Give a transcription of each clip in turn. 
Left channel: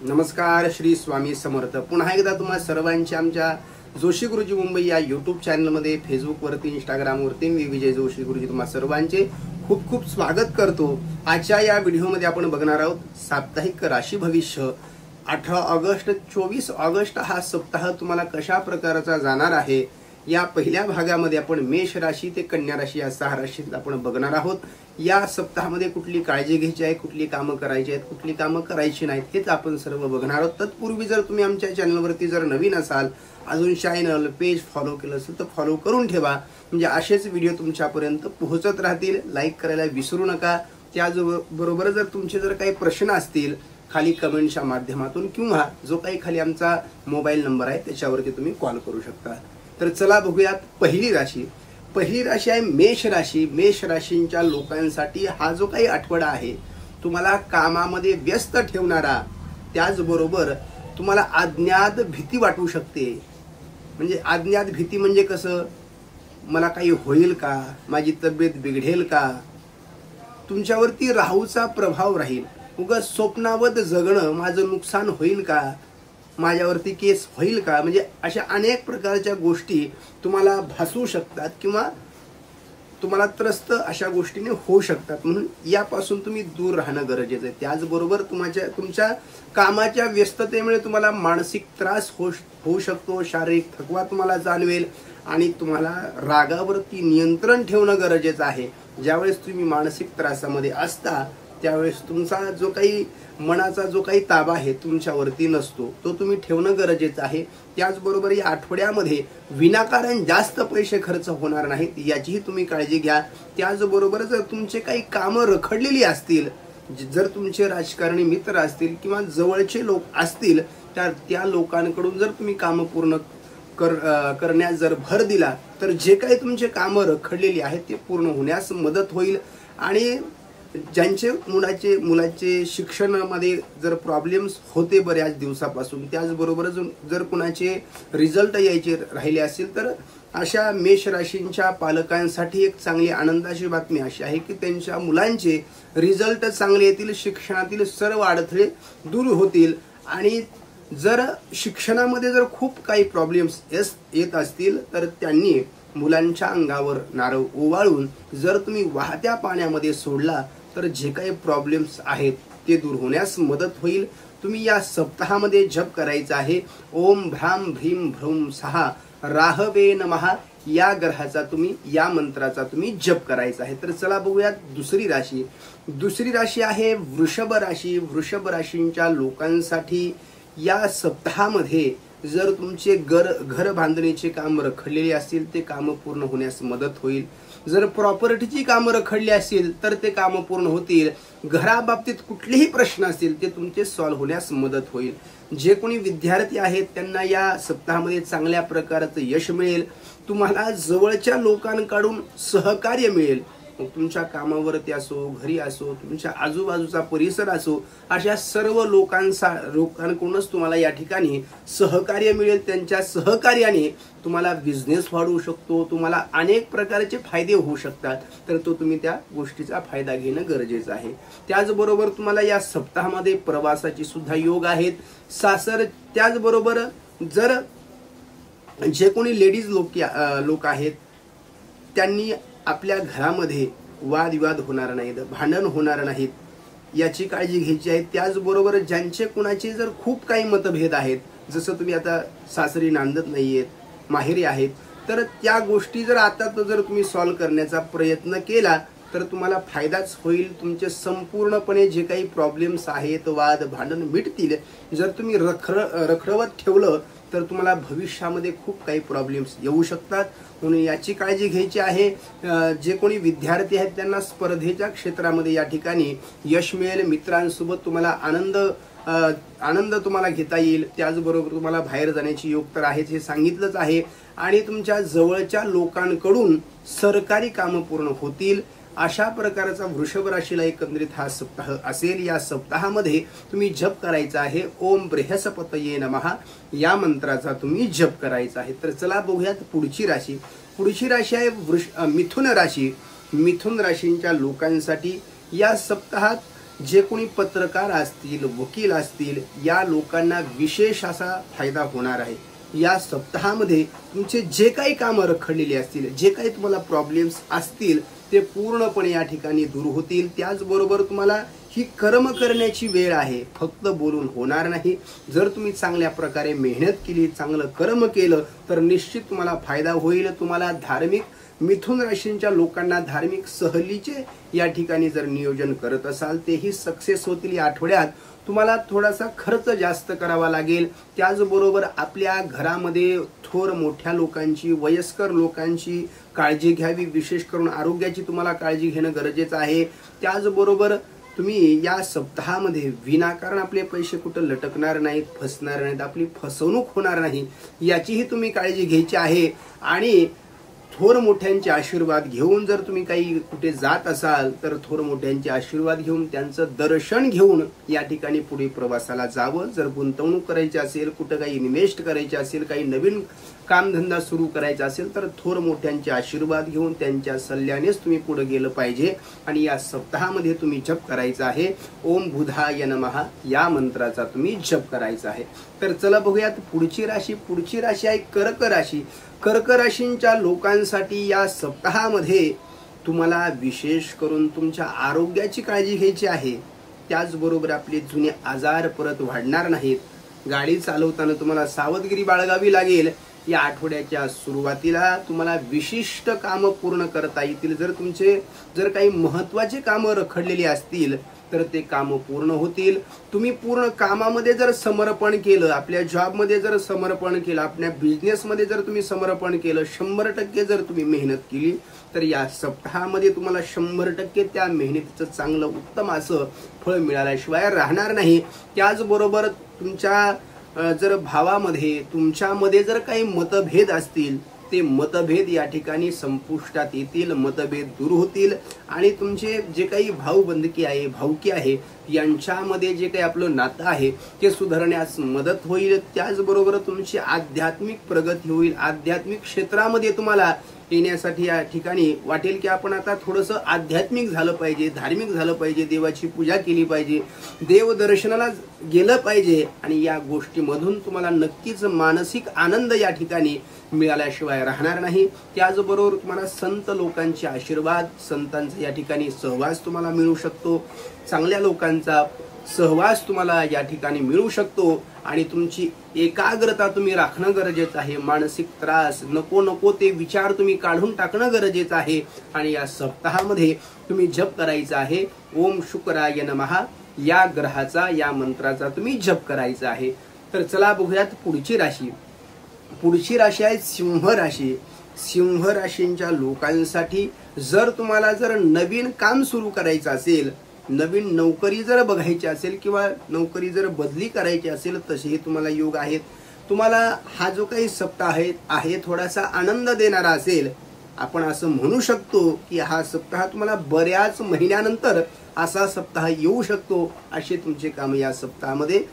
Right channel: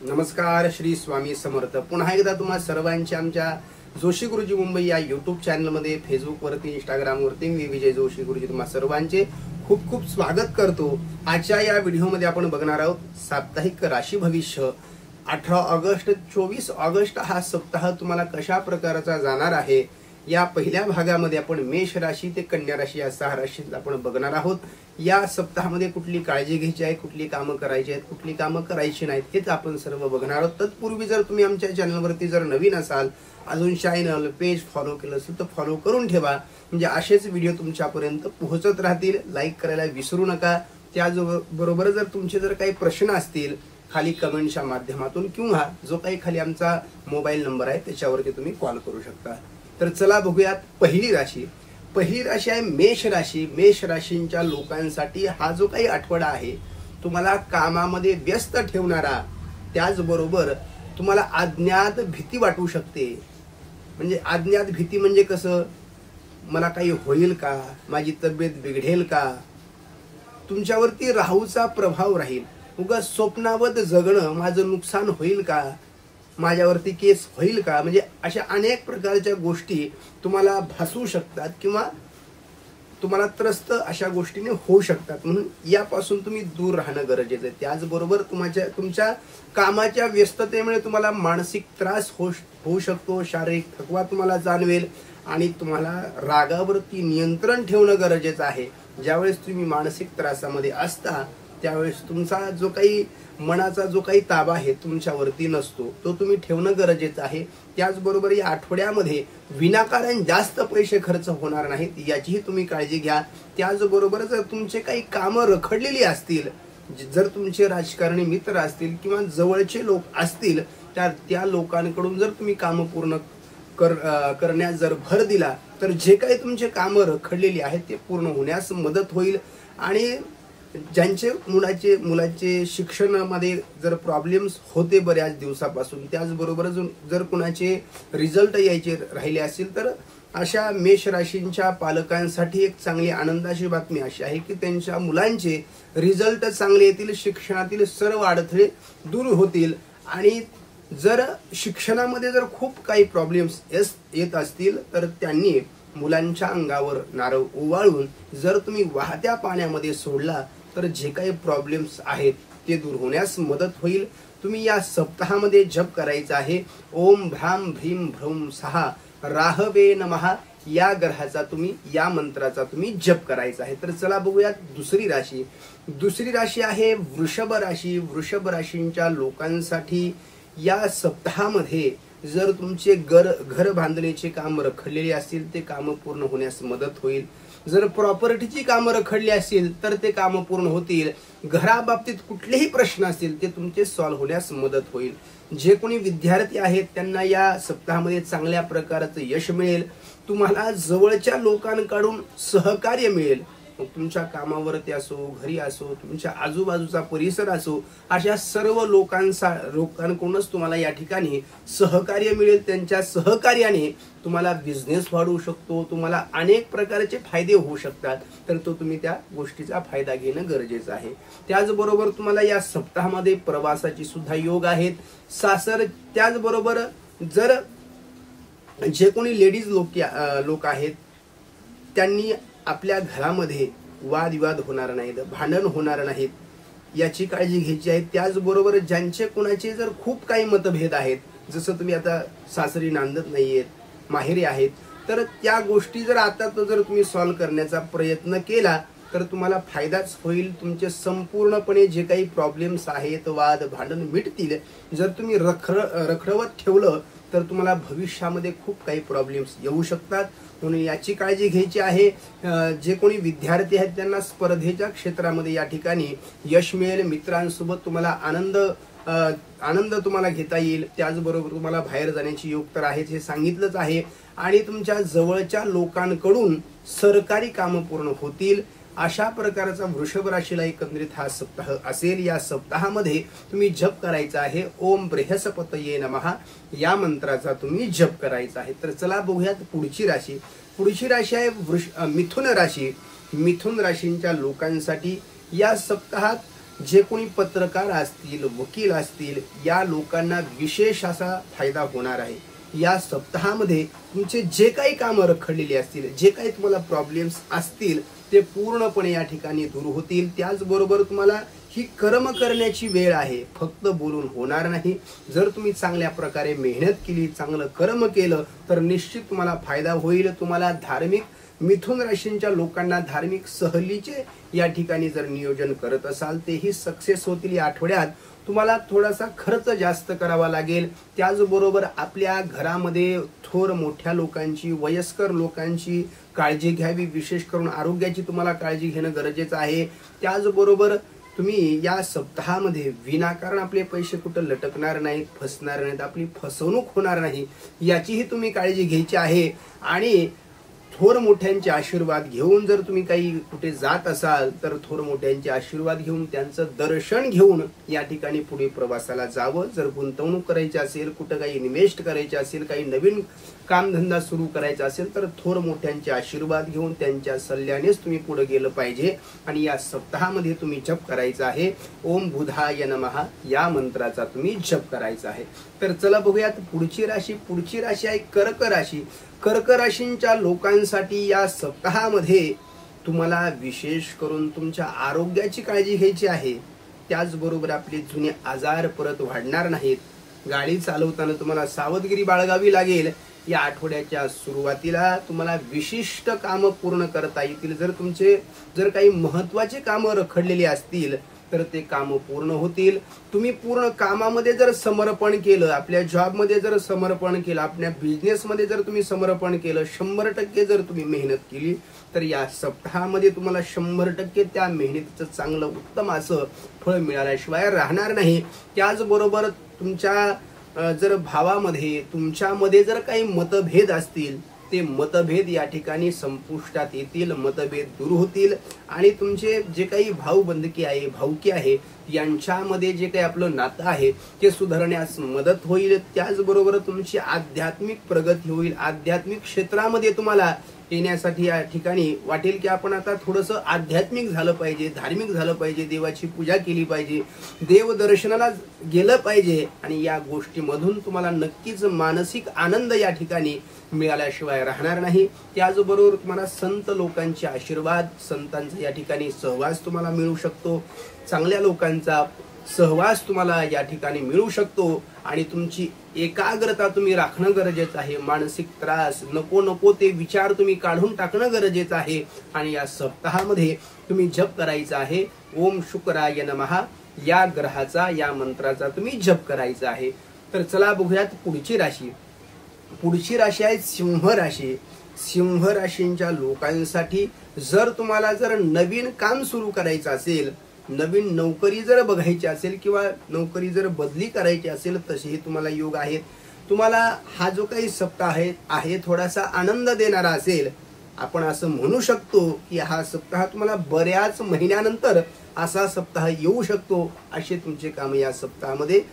नमस्कार, श्री स्वामी समर्थ। पुन्हा एकदा तुम्हा सर्वांच्या आमच्या जोशी गुरुजी मुंबई या युट्यूब चॅनलमध्ये, फेसबुकवरती, इंस्टाग्रामवरती मी विजय जोशी गुरुजी तुम्हा सर्वांचे खूप खूप स्वागत करतो। आजच्या या व्हिडिओमध्ये आपण बघणार आहोत साप्ताहिक राशी भविष्य 18 ऑगस्ट 24 ऑगस्ट हा सप्ताह तुम्हाला कशा प्रकारचा जाणार आहे। या पहिल्या भागामध्ये आपण मेष राशी ते कन्या राशी या 6 राशीत आपण बघणार आहोत। या सप्ताहामध्ये कुठली काळजी घ्यायची आहे, कुठली कामं करायची आहेत, कुठली कामं करायची नाहीत, हेच आपण सर्व बघणार आहोत। तत्पूर्वी जर तुम्ही आमच्या चॅनलवरती जर नवीन असाल, अजून चॅनल पेज फॉलो केलं असेल तर फॉलो करून ठेवा, म्हणजे असेच व्हिडिओ तुमच्यापर्यंत पोहोचत राहतील। लाईक करायला विसरू नका। त्याचबरोबर जर तुमचे जर काही प्रश्न असतील खाली कमेंटच्या माध्यमातून किंवा जो काही खाली आमचा मोबाईल नंबर आहे त्याच्यावरती तुम्ही कॉल करू शकता। तर चला बघूयात पहिली राशी। पहिली राशी आहे मेष राशी। मेष राशींच्या लोकांसाठी हा जो काही आठवडा आहे तुम्हाला कामामध्ये व्यस्त ठेवणारा, त्याचबरोबर तुम्हाला अज्ञात भीती वाटू शकते। म्हणजे अज्ञात भीती म्हणजे कसं, मला काही होईल का, माझी तब्येत बिघडेल का, तुमच्यावरती राहूचा प्रभाव राहील, उगाच स्वप्नावत जगणं, माझं नुकसान होईल का, माझ्यावरती केस होईल का, म्हणजे अशा अनेक प्रकारच्या गोष्टी तुम्हाला भासू शकतात किंवा तुम्हाला त्रस्त अशा गोष्टीने होऊ शकतात। म्हणून यापासून तुम्ही दूर राहणं गरजेचं आहे। त्याचबरोबर तुमच्या कामाच्या व्यस्ततेमुळे तुम्हाला मानसिक त्रास होऊ शकतो, शारीरिक थकवा तुम्हाला जाणवेल आणि तुम्हाला रागावरती नियंत्रण ठेवणं गरजेचं आहे। ज्यावेळेस तुम्ही मानसिक त्रासामध्ये असता त्यावेळेस तुमचा जो काही मनाचा जो काही ताबा आहे तुमच्यावरती नसतो, तो तुम्ही ठेवणं गरजेचं आहे। त्याचबरोबर या आठवड्यामध्ये विनाकारण जास्त पैसे खर्च होणार नाहीत, याचीही तुम्ही काळजी घ्या। त्याचबरोबर जर तुमचे काही कामं रखडलेली असतील, जर तुमचे राजकारणी मित्र असतील किंवा जवळचे लोक असतील, त्या लोकांकडून जर तुम्ही कामं पूर्ण करण्यास जर भर दिला तर जे काही तुमचे कामं रखडलेली आहेत ते पूर्ण होण्यास मदत होईल। आणि ज्यांचे मुलाचे शिक्षणामध्ये जर प्रॉब्लेम्स होते बऱ्याच दिवसापासून, त्याचबरोबर जर कुणाचे रिझल्ट यायचे राहिले असतील, तर अशा मेष राशींच्या पालकांसाठी एक चांगली आनंदाची बातमी अशी आहे की त्यांच्या मुलांचे रिझल्ट चांगले येतील, शिक्षणातील सर्व अडथळे दूर होतील। आणि जर शिक्षणामध्ये जर खूप काही प्रॉब्लेम्स येत असतील तर त्यांनी मुलांच्या अंगावर नारळ ओवाळून जर तुम्ही वाहत्या पाण्यामध्ये सोडला तर जे काही प्रॉब्लेम्स आहेत ते दूर होण्यास मदत होईल। तुम्ही या सप्ताहामध्ये जप करायचा आहे ओम भ्राम भ्रीम भ्रूम सहा राहवे नमः, या ग्रहाचा तुम्ही, या मंत्राचा तुम्ही जप करायचा आहे। तर चला बघूयात दुसरी राशी। दुसरी राशी आहे वृषभ राशी। वृषभ राशींच्या लोकांसाठी या सप्ताहामध्ये जर तुमचे घर बांधणीचे काम रखडलेले असतील ते काम पूर्ण होण्यास मदत होईल। जर प्रॉपर्टीची कामं रखडली असतील तर ते कामं पूर्ण होतील। घराबाबतीत कुठलेही प्रश्न असतील ते तुमचे सॉल्व्ह होण्यास मदत होईल। जे कोणी विद्यार्थी आहेत त्यांना या सप्ताहामध्ये चांगल्या प्रकारचं यश मिळेल। तुम्हाला जवळच्या लोकांकडून सहकार्य मिळेल। तुमच्या कामावरती असो, घरी असो, तुमच्या आजूबाजूचा परिसर असो, अशा सर्व लोकांकडूनच तुम्हाला या ठिकाणी सहकार्य मिळेल। त्यांच्या सहकार्याने तुम्हाला बिझनेस वाढवू शकतो, तुम्हाला अनेक प्रकारचे फायदे होऊ शकतात, तर तुम्ही त्या गोष्टीचा फायदा घेणं गरजेचं आहे। त्याचबरोबर तुम्हाला या सप्ताहामध्ये प्रवासाची सुद्धा योग आहेत, सासर। त्याचबरोबर जर जे कोणी लेडीज लोक आहेत त्यांनी आपल्या घरामध्ये वादविवाद होणार नाहीत, भांडण होणार नाहीत, याची काळजी घ्यायची आहे। त्याचबरोबर ज्यांचे कुणाचे जर खूप काही मतभेद आहेत, जसं तुम्ही आता सासरी नांदत नाहीयेत, माहेरी आहेत, तर त्या गोष्टी जर आता जर तुम्ही सॉल्व्ह करण्याचा प्रयत्न केला तर तुम्हाला फायदाच होईल। तुमचे संपूर्णपणे जे काही प्रॉब्लेम्स आहेत, वाद भांडण मिटतील। जर तुम्ही रखडवत ठेवलं तर तुम्हाला भविष्यामध्ये खूप काही प्रॉब्लेम्स येऊ शकतात, म्हणून याची काळजी घ्यायची आहे। जे कोणी विद्यार्थी आहेत त्यांना स्पर्धेच्या क्षेत्रामध्ये या ठिकाणी यश मिळेल। मित्रांसोबत तुम्हाला आनंद तुम्हाला घेता येईल। त्याचबरोबर तुम्हाला बाहेर जाण्याची योग तर आहेच, हे सांगितलंच आहे। आणि तुमच्या जवळच्या लोकांकडून सरकारी कामं पूर्ण होतील। अशा प्रकारचा वृषभ राशीला एकंदरीत हा सप्ताह असेल। या सप्ताहामध्ये तुम्ही जप करायचा आहे ओम बृहस्पतये नमः, या मंत्राचा तुम्ही जप करायचा आहे। तर चला बघूयात पुढची राशी। पुढची राशी आहे मिथुन राशी। मिथुन राशींच्या लोकांसाठी या सप्ताहात जे कोणी पत्रकार असतील, वकील असतील, या लोकांना विशेष असा फायदा होणार आहे। या सप्ताहामध्ये तुमचे जे काही कामं रखडलेली असतील, जे काही तुम्हाला प्रॉब्लेम्स असतील, ते पूर्णपणे या ठिकाणी दूर होतील। त्याचबरोबर तुम्हाला ही कर्म करण्याची वेळ आहे, फक्त बोलून होणार नाही। जर तुम्ही चांगल्या प्रकारे मेहनत केली, चांगलं कर्म केलं, तर निश्चित तुम्हाला फायदा होईल। तुम्हाला धार्मिक मिथुन राशींच्या लोकांना धार्मिक सहलीचे या ठिकाणी जर नियोजन करत असाल, तेही सक्सेस होतील। या आठवड्यात तुम्हाला थोडासा खर्च जास्त करावा लागेल। त्याचबरोबर आपल्या घरामध्ये थोर मोठ्या लोकांची, वयस्कर लोकांची काळजी घ्यावी, विशेष करून आरोग्याची तुम्हाला काळजी घेणं गरजेचं आहे। त्याचबरोबर तुम्ही या सप्ताहामध्ये विनाकारण आपले पैसे कुठं लटकणार नाहीत, फसणार नाहीत, आपली फसवणूक होणार नाही, याचीही तुम्ही काळजी घ्यायची आहे। आणि थोर मोठ्यांचे आशीर्वाद घेऊन जर तुम्ही काही कुठे जात असाल, तर थोर मोठ्यांचे आशीर्वाद घेऊन, त्यांचं दर्शन घेऊन या ठिकाणी पुढे प्रवासाला जावं। जर गुंतवणूक करायची असेल, कुठं काही इन्व्हेस्ट करायचे असेल, काही नवीन कामधंदा सुरू करायचा असेल, तर थोर मोठ्यांचे आशीर्वाद घेऊन त्यांच्या सल्ल्यानेच तुम्ही पुढे गेलं पाहिजे। आणि या सप्ताहामध्ये तुम्ही जप करायचा आहे, ओम बुधाय नमः या मंत्राचा तुम्ही जप करायचा आहे। तर चला बघूयात पुढची राशी। पुढची राशी आहे कर्क राशी। कर्क राशींच्या लोकांसाठी या सप्ताहामध्ये तुम्हाला विशेष करून तुमच्या आरोग्याची काळजी घ्यायची आहे। त्याचबरोबर आपले जुने आजार परत वाढणार नाहीत। गाडी चालवताना तुम्हाला सावधगिरी बाळगावी लागेल। या आठवड्याच्या सुरुवातीला तुम्हाला विशिष्ट कामं पूर्ण करता येतील। जर काही महत्त्वाचे कामं रखडलेली असतील, तर ते काम पूर्ण होतील। तुम्ही पूर्ण कामामध्ये जर समर्पण केलं, आपल्या जॉबमध्ये जर समर्पण केलं, आपल्या बिझनेसमध्ये जर तुम्ही समर्पण केलं, 100% जर तुम्ही मेहनत केली, तर या सप्ताहामध्ये तुम्हाला 100% त्या मेहनतीचं चांगलं उत्तम असं फळ मिळाल्याशिवाय राहणार नाही। त्याचबरोबर तुमच्या जर भावामध्ये, तुमच्यामध्ये जर काही मतभेद असतील, ते मतभेद या ठिकाणी संपुष्टात येतील, मतभेद दूर होतील। आणि तुमचे जे काही भाऊबंधकी आहे, भाऊकी आहे, यांच्यामध्ये जे काही आपलं नातं आहे ते सुधारण्यास मदत होईल। त्याचबरोबर तुमची आध्यात्मिक प्रगती होईल। आध्यात्मिक क्षेत्रामध्ये तुम्हाला येण्यासाठी या ठिकाणी वाटेल की आपण आता थोडंसं आध्यात्मिक झालं पाहिजे, धार्मिक झालं पाहिजे, देवाची पूजा केली पाहिजे, देव दर्शनाला गेलं पाहिजे। आणि या गोष्टीमधून तुम्हाला नक्कीच मानसिक आनंद या ठिकाणी मिळाल्याशिवाय राहणार नाही। त्याचबरोबर तुम्हाला संत लोकांचे आशीर्वाद, संतांचा या ठिकाणी सहवास तुम्हाला मिळू शकतो। चांगल्या लोकांचा सहवास तुम्हाला या ठिकाणी मिळू शकतो। आणि तुमची एकाग्रता तुम्ही राखणं गरजेचं आहे। मानसिक त्रास, नको ते विचार तुम्ही काढून टाकणं गरजेचं आहे। आणि या सप्ताहामध्ये तुम्ही जप करायचा आहे, ओम शुक्राय नमः या ग्रहाचा, या मंत्राचा तुम्ही जप करायचा आहे। तर चला बघूयात पुढची राशी। पुढची राशी आहे सिंह राशी। सिंह राशींच्या लोकांसाठी जर तुम्हाला नवीन काम सुरू करायचं असेल, नवीन नोकरी जर बघायची असेल, किंवा नोकरी जर बदली करायची असेल, तसेही तुम्हाला योग आहेत। तुम्हाला हा जो काही सप्ताह आहे थोडासा आनंद देणारा असेल। आपण असं म्हणू शकतो की हा सप्ताह तुम्हाला बऱ्याच महिन्यानंतर असा सप्ताह येऊ शकतो। असे तुमचे काम या सप्ताहामध्ये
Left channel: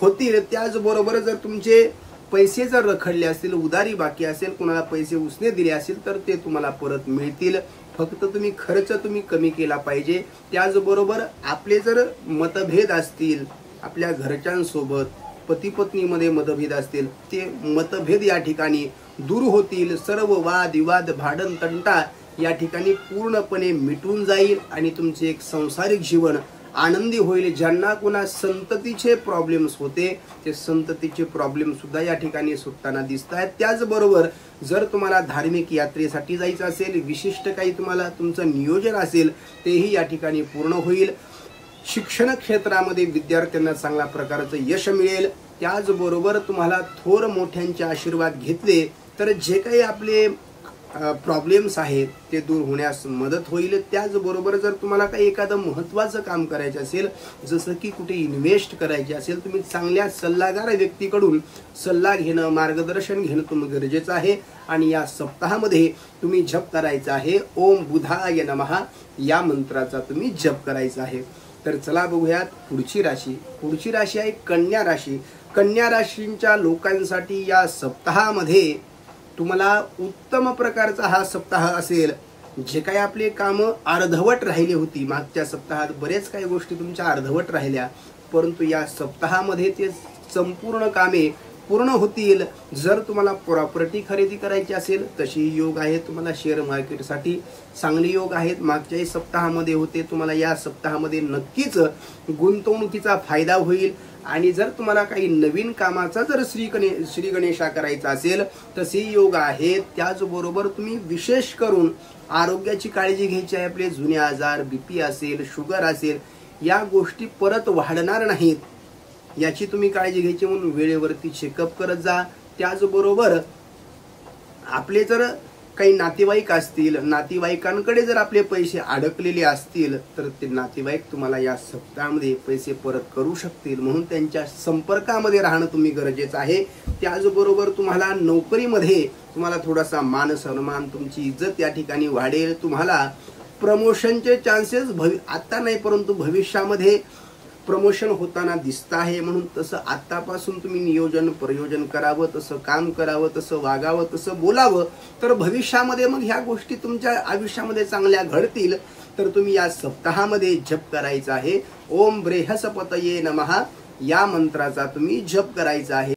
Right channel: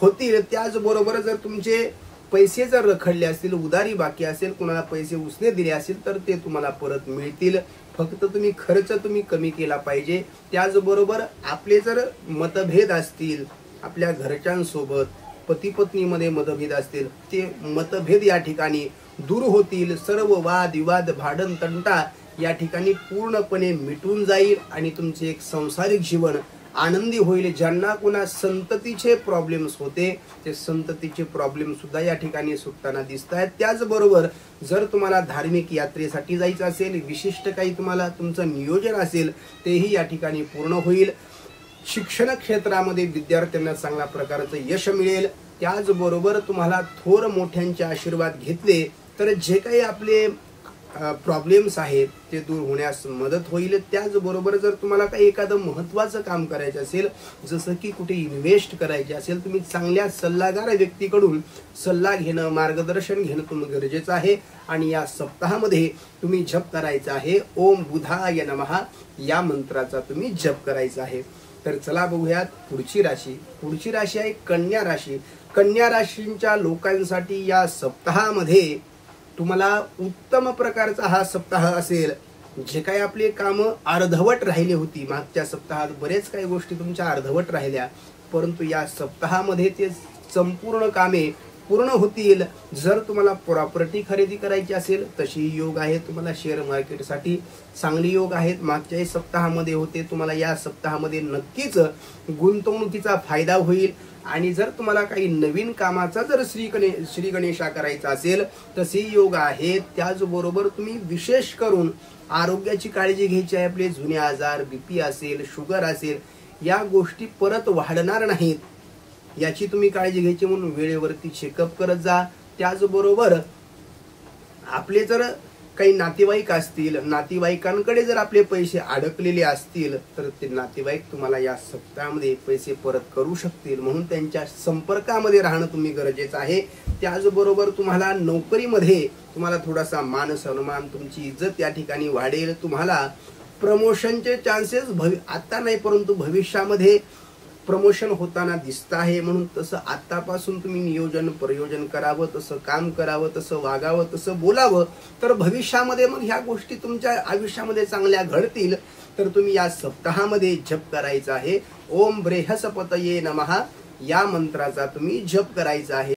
होतील। त्याचबरोबर जर तुमचे पैसे जर रखडले असतील, उधारी बाकी असेल, कोणाला पैसे उसने दिले असतील, तर ते तुम्हाला परत मिळतील। फक्त तुम्ही खर्च कमी केला पाहिजे। त्याचबरोबर आपले जर मतभेद असतील, आपल्या घरच्यांसोबत पती पत्नीमध्ये मतभेद असतील, ते मतभेद या ठिकाणी दूर होतील। सर्व वाद विवाद, भांडण तंटा या ठिकाणी पूर्णपणे मिटून जाईल आणि तुमचे एक सांसारिक जीवन आनंदी होईल। ज्यांना कोणा संततीचे प्रॉब्लेम्स होते, ते संततीचे प्रॉब्लेम सुद्धा या ठिकाणी सुटताना दिसत आहेत। त्याचबरोबर जर तुम्हाला धार्मिक यात्रेसाठी जायचं असेल, विशिष्ट काही तुम्हाला तुमचं नियोजन असेल, तेही या ठिकाणी पूर्ण होईल। शिक्षण क्षेत्रामध्ये विद्यार्थ्यांना चांगल्या प्रकारचं यश मिळेल। त्याचबरोबर तुम्हाला थोर मोठ्यांचे आशीर्वाद घेतले तर जे काही आपले प्रॉब्लेम्स आहेत ते दूर होण्यास मदत होईल। त्याचबरोबर जर तुम्हाला काही एखादं महत्त्वाचं काम करायचं असेल, जसं की कुठे इन्व्हेस्ट करायचे असेल, तुम्ही चांगल्या सल्लागार व्यक्तीकडून सल्ला घेणं, मार्गदर्शन घेणं तुम्हाला गरजेचं आहे। आणि या सप्ताहामध्ये तुम्ही जप करायचा आहे, ओम बुधाय नमः या मंत्राचा तुम्ही जप करायचा आहे। तर चला बघूयात पुढची राशी। पुढची राशी आहे कन्या राशी। कन्या राशींच्या लोकांसाठी या सप्ताहामध्ये तुम्हाला उत्तम प्रकारचा हा सप्ताह असेल। जे काही आपले काम अर्धवट राहिले होती मागच्या सप्ताहात, बरेच काही गोष्टी तुमच्या अर्धवट राहिल्या, परंतु या सप्ताहामध्ये ते संपूर्ण कामे पूर्ण होतील. जर तुम्हाला प्रॉपर्टी खरेदी करायची असेल तशी योग आहे. तुम्हाला शेअर मार्केटसाठी चांगले योग आहेत. मागच्याही सप्ताहामध्ये होते, तुम्हाला या सप्ताहामध्ये नक्कीच गुंतवणुकीचा फायदा होईल. आणि जर तुम्हाला काही नवीन कामाचा जर श्री गणेशा करायचा असेल तसे योग आहेत. त्याचबरोबर तुम्ही विशेष करून आरोग्याची काळजी घ्यायची आहे. आपले जुने आजार, बीपी असेल, शुगर असेल, या गोष्टी परत वाढणार नाहीत याची तुम्ही काळजी घ्यायची, म्हणून वेळेवरती चेकअप करत जा. त्याचबरोबर आपले जर काही नातेवाईक असतील, नातेवाईकांकडे जर आपले पैसे अडकलेले असतील तर ते नातेवाईक तुम्हाला या सप्ताहामध्ये पैसे परत करू शकतील, म्हणून त्यांच्या संपर्कामध्ये राहणं तुम्ही गरजेचं आहे. त्याचबरोबर तुम्हाला नोकरीमध्ये तुम्हाला थोडासा मान सन्मान, तुमची इज्जत या ठिकाणी वाढेल. तुम्हाला प्रमोशनचे चान्सेस आता नाही परंतु भविष्यामध्ये प्रमोशन होताना दिसत आहे. म्हणून तसं आतापासून तुम्ही नियोजन प्रयोजन करावं, तसं काम करावं, तसं वागावं, तसं बोलावं, तर भविष्यामध्ये मग ह्या गोष्टी तुमच्या आयुष्यामध्ये चांगल्या घडतील. तर तुम्ही या सप्ताहामध्ये जप करायचा आहे. ओम बृहस्पतये नमः या मंत्राचा तुम्ही जप करायचा आहे.